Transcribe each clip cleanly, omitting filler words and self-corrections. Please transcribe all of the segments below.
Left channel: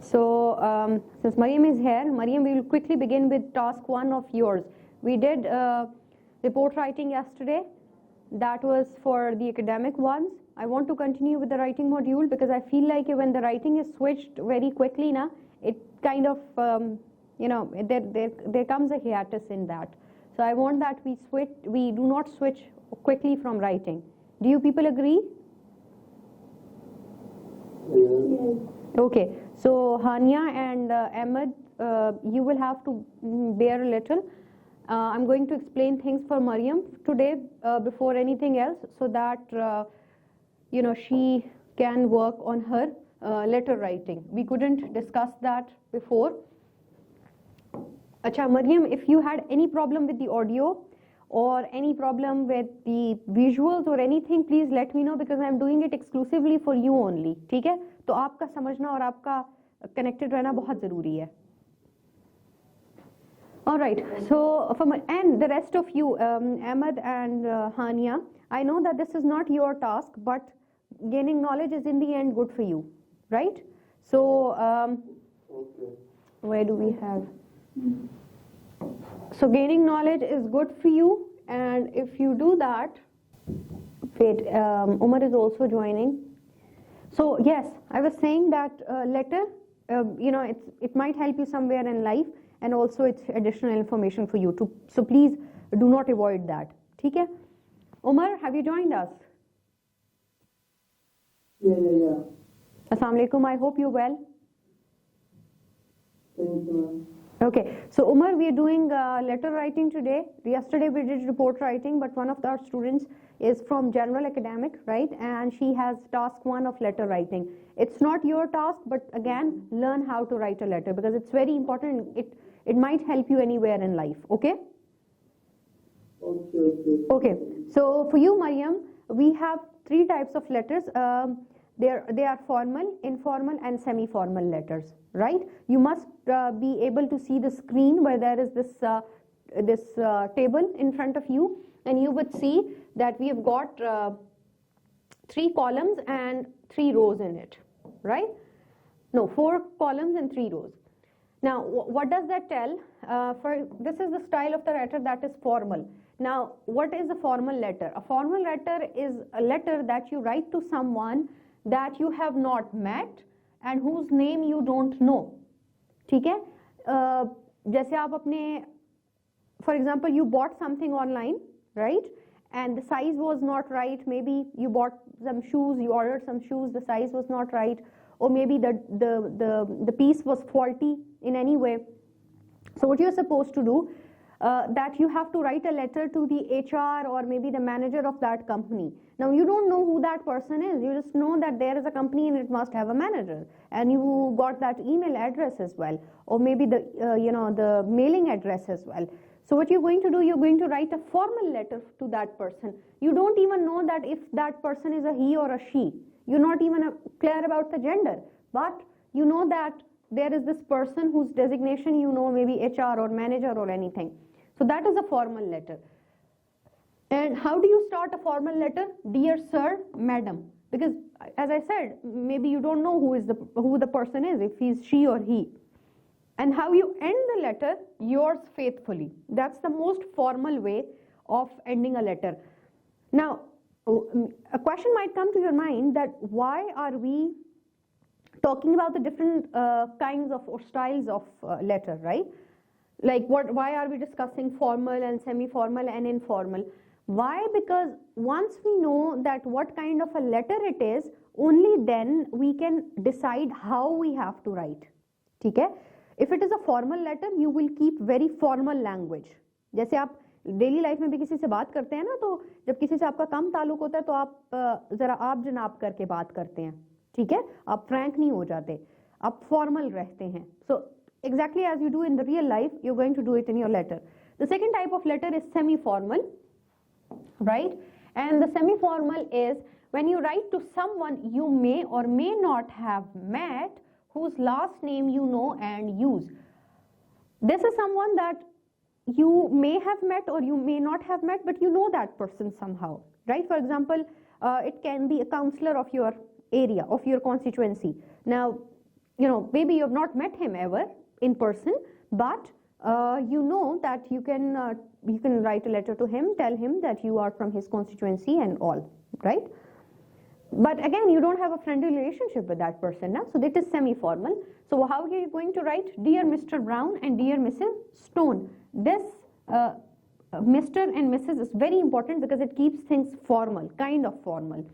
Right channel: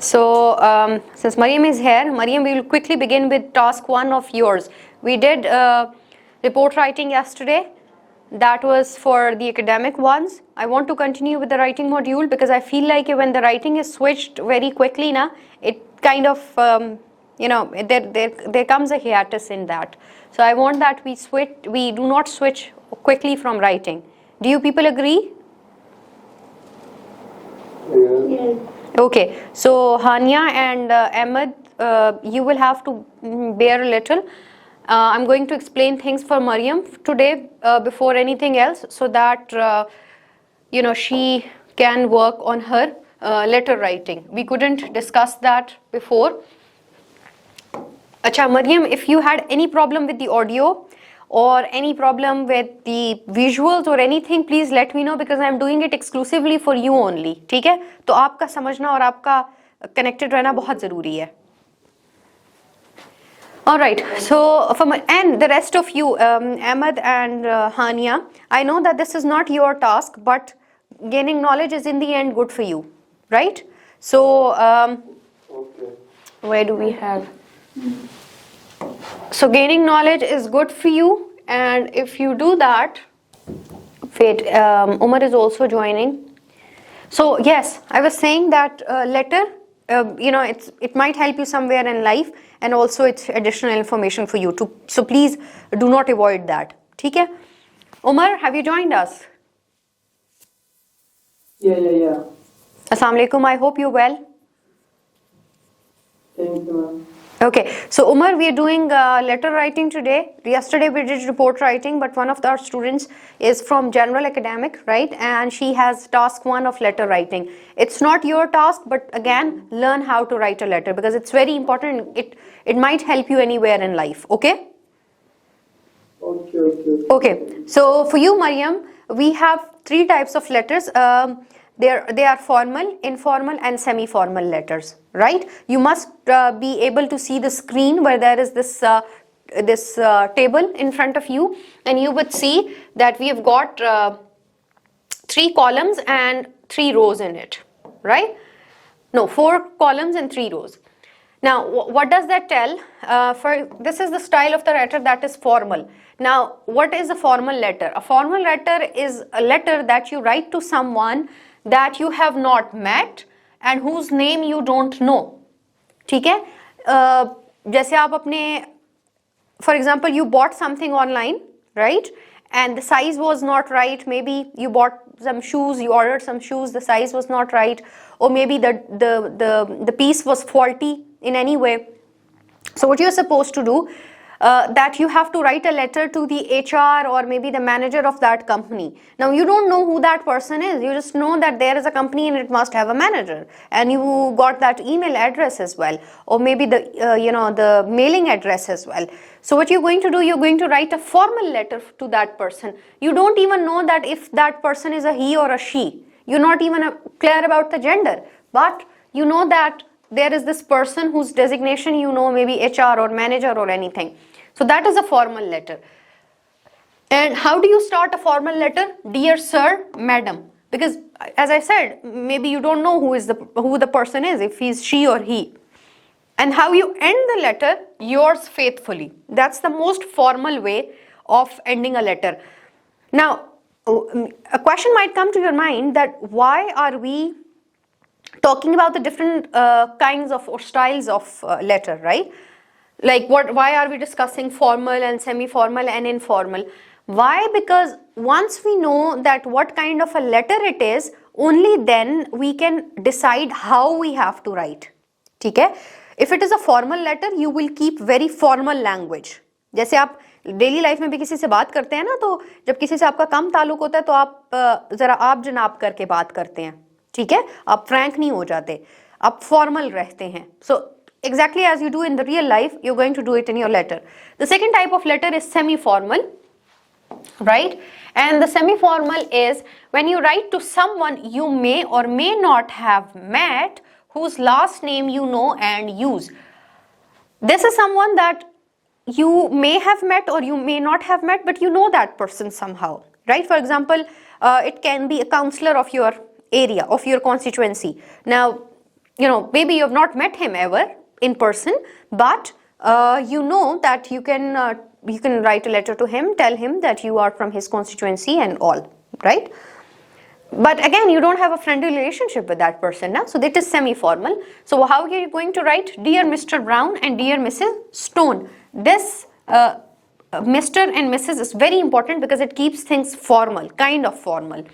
So since Mariam is here, Mariam, we will quickly begin with task 1 of yours. We did report writing yesterday. That was for the academic ones. I want to continue with the writing module because I feel like when the writing is switched very quickly, it kind of, there comes a hiatus in that. So I want that we do not switch quickly from writing. Do you people agree? Yes. Okay, so Hania and Ahmed, you will have to bear a little. I'm going to explain things for Mariam today before anything else, so that she can work on her letter writing. We couldn't discuss that before. Acha, Mariam, if you had any problem with the audio or any problem with the visuals or anything, please let me know because I'm doing it exclusively for you only. ठीक है? तो आपका समझना और आपका connected रहना बहुत ज़रूरी है. All right. So and the rest of you, Ahmed and Hania, I know that this is not your task, but gaining knowledge is in the end good for you, right? So Okay. where do we have? So gaining knowledge is good for you, and if you do that, wait, Umar is also joining. So yes, I was saying that letter, it might help you somewhere in life, and also it's additional information for you too. So please do not avoid that. ठीक है? Umar, have you joined us? Yeah. Assalamu alaikum. I hope you're well. Thank you, ma'am. Okay, so Umar, we are doing letter writing today. Yesterday we did report writing, but one of our students is from general academic, right? And she has task 1 of letter writing. It's not your task, but again, learn how to write a letter because it's very important. It might help you anywhere in life, okay? Okay. Okay, so for you, Mariam, we have 3 types of letters. They are formal, informal, and semi-formal letters, right? You must be able to see the screen where there is this table in front of you, and you would see that we have got 3 columns and 3 rows in it, right? No, 4 columns and 3 rows. Now, what does that tell? This is the style of the letter that is formal. Now, what is a formal letter? A formal letter is a letter that you write to someone that you have not met and whose name you don't know. ठीक है? जैसे आप अपने, for example, you bought something online, right? And the size was not right. Maybe you bought some shoes, you ordered some shoes, the size was not right, or maybe the piece was faulty in any way. So what you're supposed to do, that you have to write a letter to the HR or maybe the manager of that company. Now you don't know who that person is. You just know that there is a company and it must have a manager, and you got that email address as well, or maybe the mailing address as well. So what you're going to do, you're going to write a formal letter to that person. You don't even know that if that person is a he or a she. You're not even clear about the gender, but you know that there is this person whose designation you know, maybe HR or manager or anything. So that is a formal letter. And how do you start a formal letter? Dear sir, madam. Because as I said, maybe you don't know who the person is, if he's she or he. And how you end the letter? Yours faithfully. That's the most formal way of ending a letter. Now, a question might come to your mind that why are we talking about the different kinds of or styles of letter, right? Like why are we discussing formal and semi-formal and informal? Why? Because once we know that what kind of a letter it is, only then we can decide how we have to write. ठीक है? If it is a formal letter, you will keep very formal language. जैसे आप daily life में भी किसी से बात करते हैं ना, तो जब किसी से आपका कम ताल्लुक होता है तो आप जरा आप जनाब करके बात करते हैं, ठीक है? आप फ्रैंक नहीं हो जाते, आप फॉर्मल रहते हैं. So exactly as you do in the real life, you're going to do it in your letter. The second type of letter is semi-formal, right? And the semi-formal is when you write to someone you may or may not have met, whose last name you know and use. This is someone that you may have met or you may not have met, but you know that person somehow, right? For example, it can be a counselor of your area, of your constituency. Now, maybe you have not met him ever in person, but you know that you can write a letter to him, tell him that you are from his constituency and all, right? But again, you don't have a friendly relationship with that person now, so that is semi-formal. So how are you going to write? Dear Mr. Brown and Dear Mrs. Stone. This Mr. and Mrs. is very important because it keeps things formal, kind of formal.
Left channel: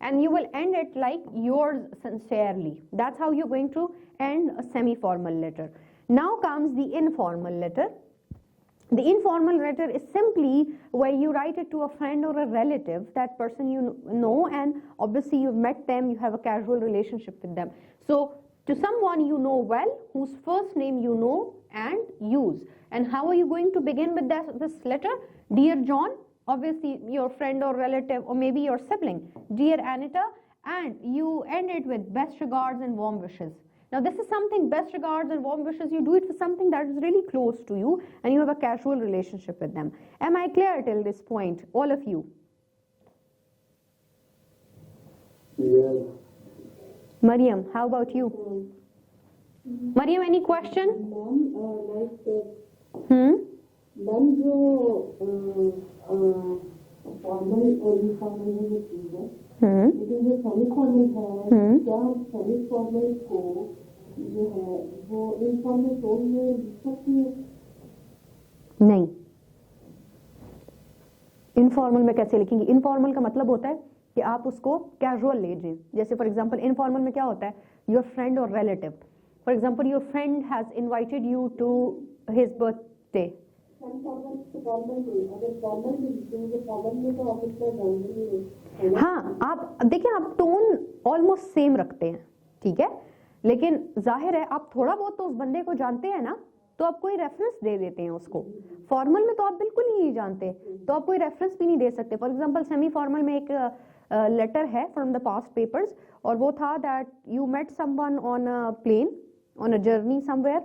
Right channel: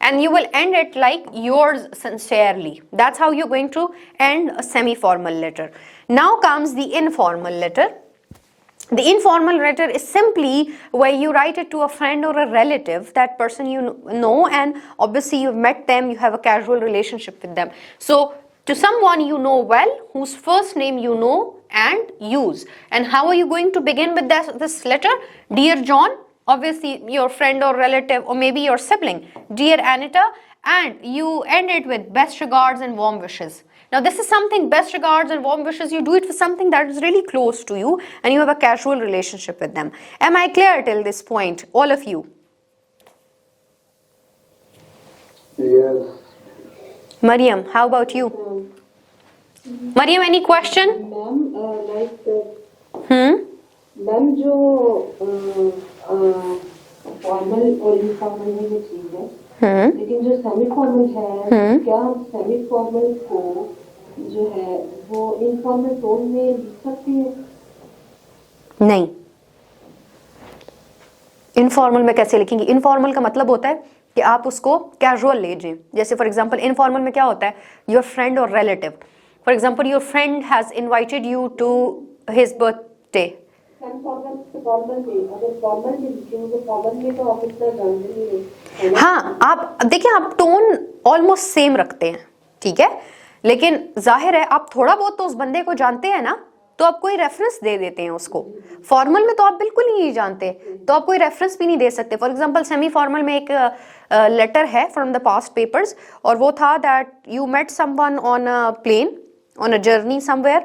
And you will end it like yours sincerely. That's how you're going to end a semi-formal letter. Now comes the informal letter. The informal letter is simply where you write it to a friend or a relative, that person you know, and obviously you've met them, you have a casual relationship with them. So to someone you know well, whose first name you know and use. And how are you going to begin with this letter? Dear John, obviously your friend or relative, or maybe your sibling. Dear Anita, and you end it with best regards and warm wishes. Now this is something, best regards and warm wishes, you do it for something that is really close to you and you have a casual relationship with them. Am I clear till this point, all of you? Yes. Mariam, how about you? Mariam, any question? Ma'am Hmm? जो formal और informal में ये चीज है, लेकिन जो semi formal है, क्या हम सेमी फॉर्मल को जो है वो इनफॉर्मल टोन में लिख सकते हैं? नहीं. इनफॉर्मल में कैसे लिखेंगे? इनफॉर्मल का मतलब होता है कि आप उसको कैजुअल ले जाएं. जैसे फॉर एग्जांपल इनफॉर्मल में क्या होता है? योर फ्रेंड और relative. For example your friend has invited you to his birthday. हाँ, आप देखिए, आप टोन ऑलमोस्ट सेम रखते हैं, ठीक है, लेकिन जाहिर है आप थोड़ा बहुत तो उस बंदे को जानते हैं ना, तो आप कोई रेफरेंस दे देते हैं उसको. फॉर्मल में तो आप बिल्कुल ही नहीं जानते, तो आप कोई रेफरेंस भी नहीं दे सकते. फॉर एग्जांपल सेमी फॉर्मल में एक लेटर है फ्रॉम द पास्ट पेपर्स, और वो था that you met someone on a plane on a journey somewhere,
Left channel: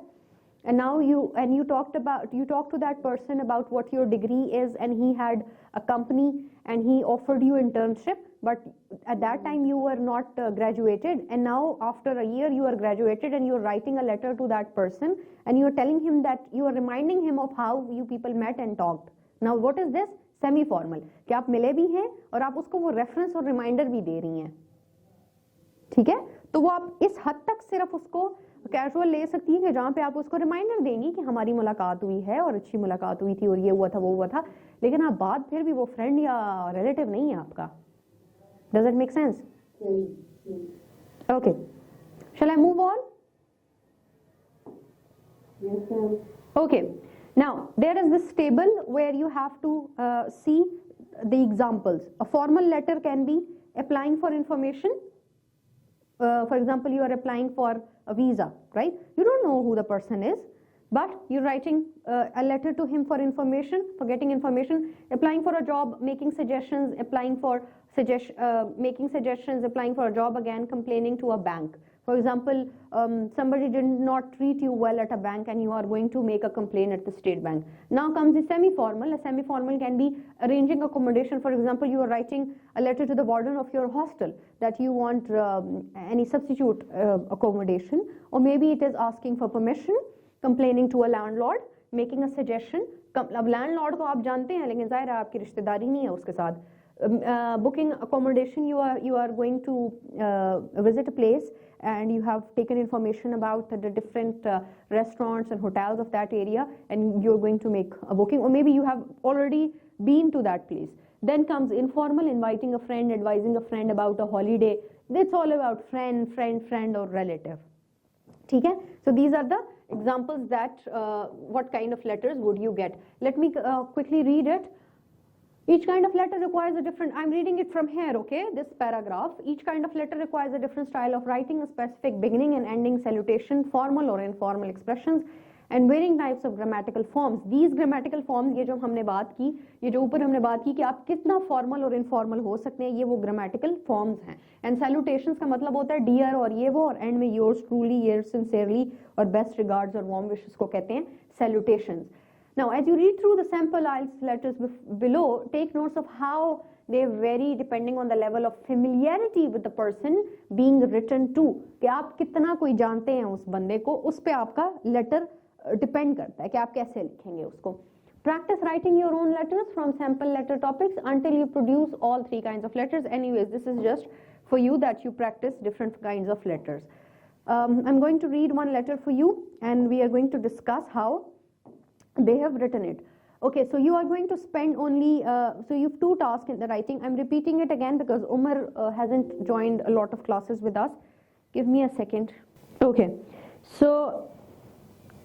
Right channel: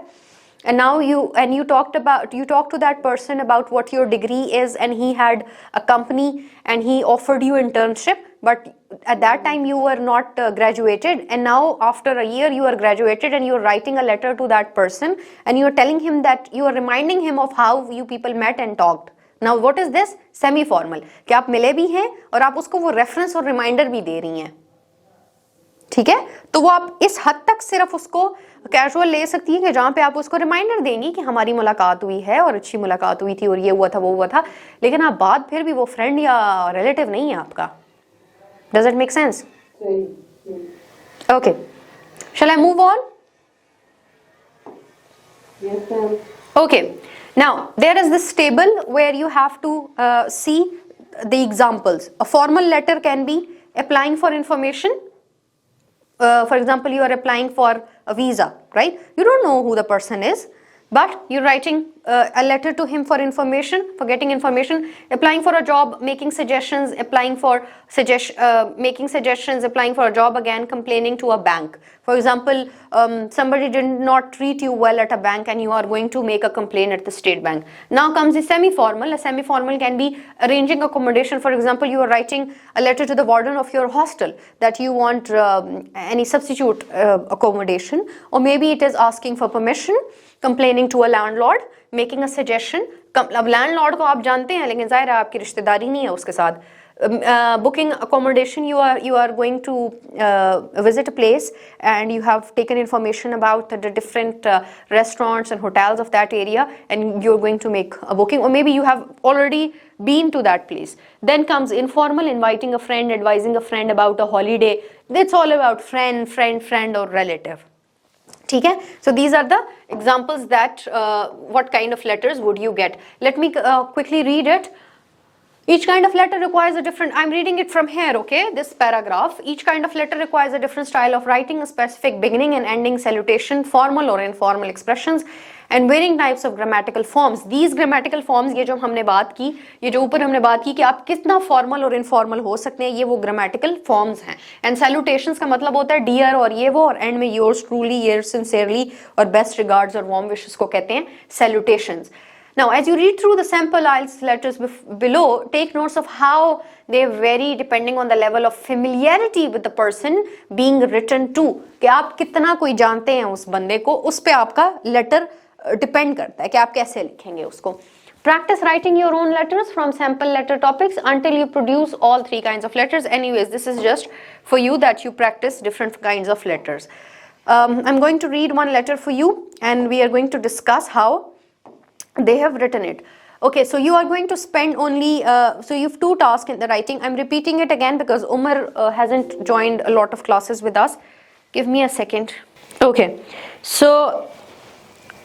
and now you talked to that person about what your degree is, and he had a company and he offered you internship, but at that time you were not graduated, and now after a year you are graduated and you are writing a letter to that person and you are telling him that you are reminding him of how you people met and talked. Now what is this? Semi formal, कि आप मिले भी हैं और आप उसको वो reference और रिमाइंडर भी दे रही हैं, ठीक है. तो वो आप इस हद तक सिर्फ उसको कैजुअल ले सकती है कि जहां पे आप उसको रिमाइंडर देंगी कि हमारी मुलाकात हुई है और अच्छी मुलाकात हुई थी और ये हुआ था वो हुआ था, लेकिन आप बात फिर भी वो फ्रेंड या रिलेटिव नहीं है आपका. Does it make sense? Okay, shall I move on? Yes, ma'am. Okay, now there is this table where you have to see the examples. A formal letter can be applying for information. For example, you are applying for a visa, right? You don't know who the person is, but you're writing a letter to him for information, for getting information. Applying for a job, making suggestions, making suggestions, applying for a job again, complaining to a bank. For example, somebody did not treat you well at a bank and you are going to make a complaint at the state bank. Now comes the semi-formal. A semi-formal can be arranging accommodation. For example, you are writing a letter to the warden of your hostel that you want any substitute accommodation, or maybe it is asking for permission, complaining to a landlord, making a suggestion. अब landlord को आप जानते हैं, लेकिन जाहिर है आपकी रिश्तेदारी नहीं है उसके साथ. Booking accommodation, you are going to visit a place and you have taken information about the different restaurants and hotels of that area, and you're going to make a booking, or maybe you have already been to that place. Then comes informal, inviting a friend, advising a friend about a holiday. It's all about friend or relative. ठीक है? So these are the examples that what kind of letters would you get. Let me quickly read it. Each kind of letter requires a different, I'm reading it from here, okay, this paragraph. Each kind of letter requires a different style of writing, a specific beginning and ending salutation, formal or informal expressions, and varying types of grammatical forms. These grammatical forms, ये जो हमने बात की, ये जो ऊपर हमने बात की कि आप कितना formal और informal हो सकते हैं, ये वो grammatical forms हैं. And salutations का मतलब होता है dear और ये वो, और end में yours truly, yours sincerely, और best regards और warm wishes को कहते हैं salutations. Now, as you read through the sample IELTS letters below, take notes of how they vary depending on the level of familiarity with the person being written to. कि आप कितना कोई जानते हैं उस बंदे को, उस पे आपका letter depend करता है कि आप कैसे लिखेंगे उसको. Practice writing your own letters from sample letter topics until you produce all three kinds of letters. Anyways, this is just for you that you practice different kinds of letters. I'm going to read one letter for you and we are going to discuss how they have written it. Okay, so you are going to spend only, so you have two tasks in the writing. I'm repeating it again because Umar hasn't joined a lot of classes with us. Give me a second. Okay, so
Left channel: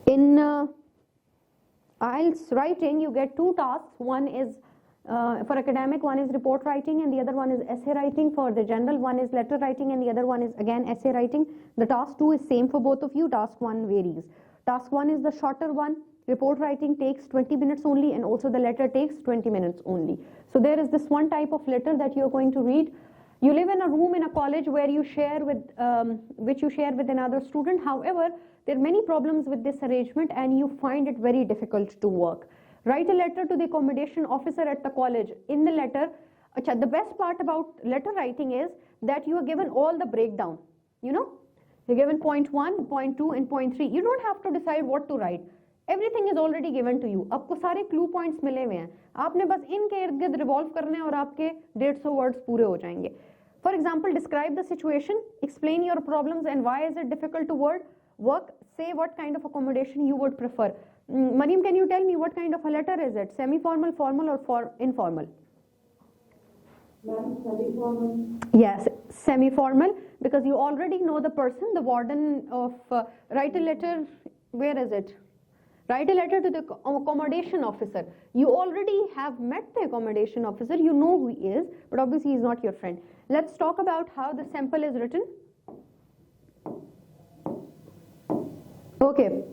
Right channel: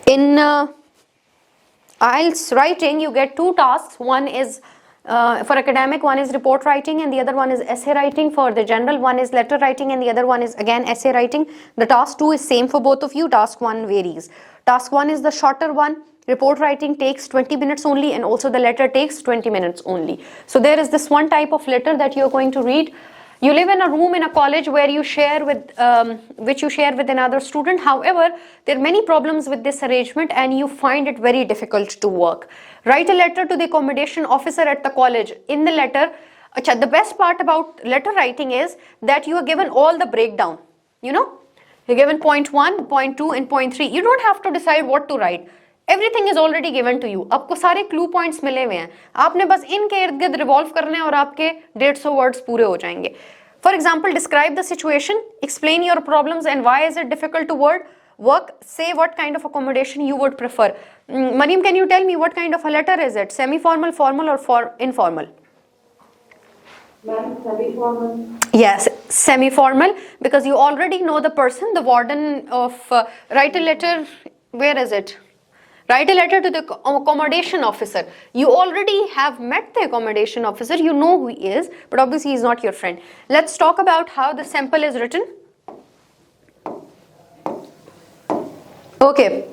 in IELTS writing, you get two tasks. One is for academic, one is report writing and the other one is essay writing. For the general, one is letter writing and the other one is again essay writing. The task 2 is same for both of you. Task 1 varies. Task 1 is the shorter one. Report writing takes 20 minutes only and also the letter takes 20 minutes only. So there is this one type of letter that you are going to read. You live in a room in a college where you share with, which you share with another student. However, there are many problems with this arrangement and you find it very difficult to work. Write a letter to the accommodation officer at the college. In the letter, the best part about letter writing is that you are given all the breakdown. You know, you're given point 1, point 2 and point 3. You don't have to decide what to write. Everything is already given to you. आपको सारे clue points मिले हुए हैं. आपने बस इनके इर्द गिर्द revolve करने हैं और आपके 150 words पूरे हो जाएंगे. For example, describe the situation, explain your problems and why is it difficult to work. Say what kind of accommodation you would prefer. Mariam, can you tell me what kind of a letter is it? Semi-formal, formal or informal? Ma'am, semi-formal. Yes, semi-formal because you already know the person, the warden of write a letter. Where is it? Write a letter to the accommodation officer. You already have met the accommodation officer. You know who he is, but obviously he is not your friend. Let's talk about how the sample is written. Okay.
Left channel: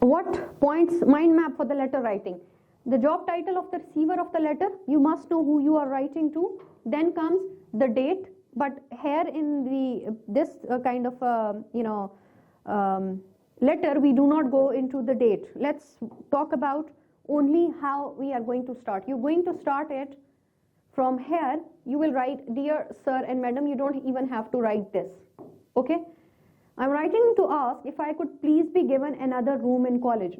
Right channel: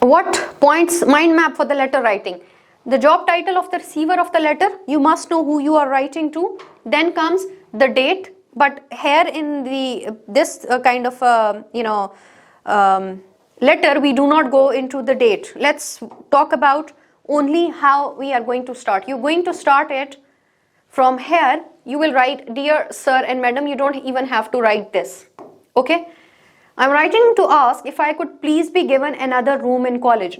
What points mind map for the letter writing? The job title of the receiver of the letter. You must know who you are writing to. Then comes the date. But here in this kind of letter, we do not go into the date. Let's talk about only how we are going to start. You're going to start it from here. You will write, dear sir and madam. You don't even have to write this. Okay? I'm writing to ask if I could please be given another room in college.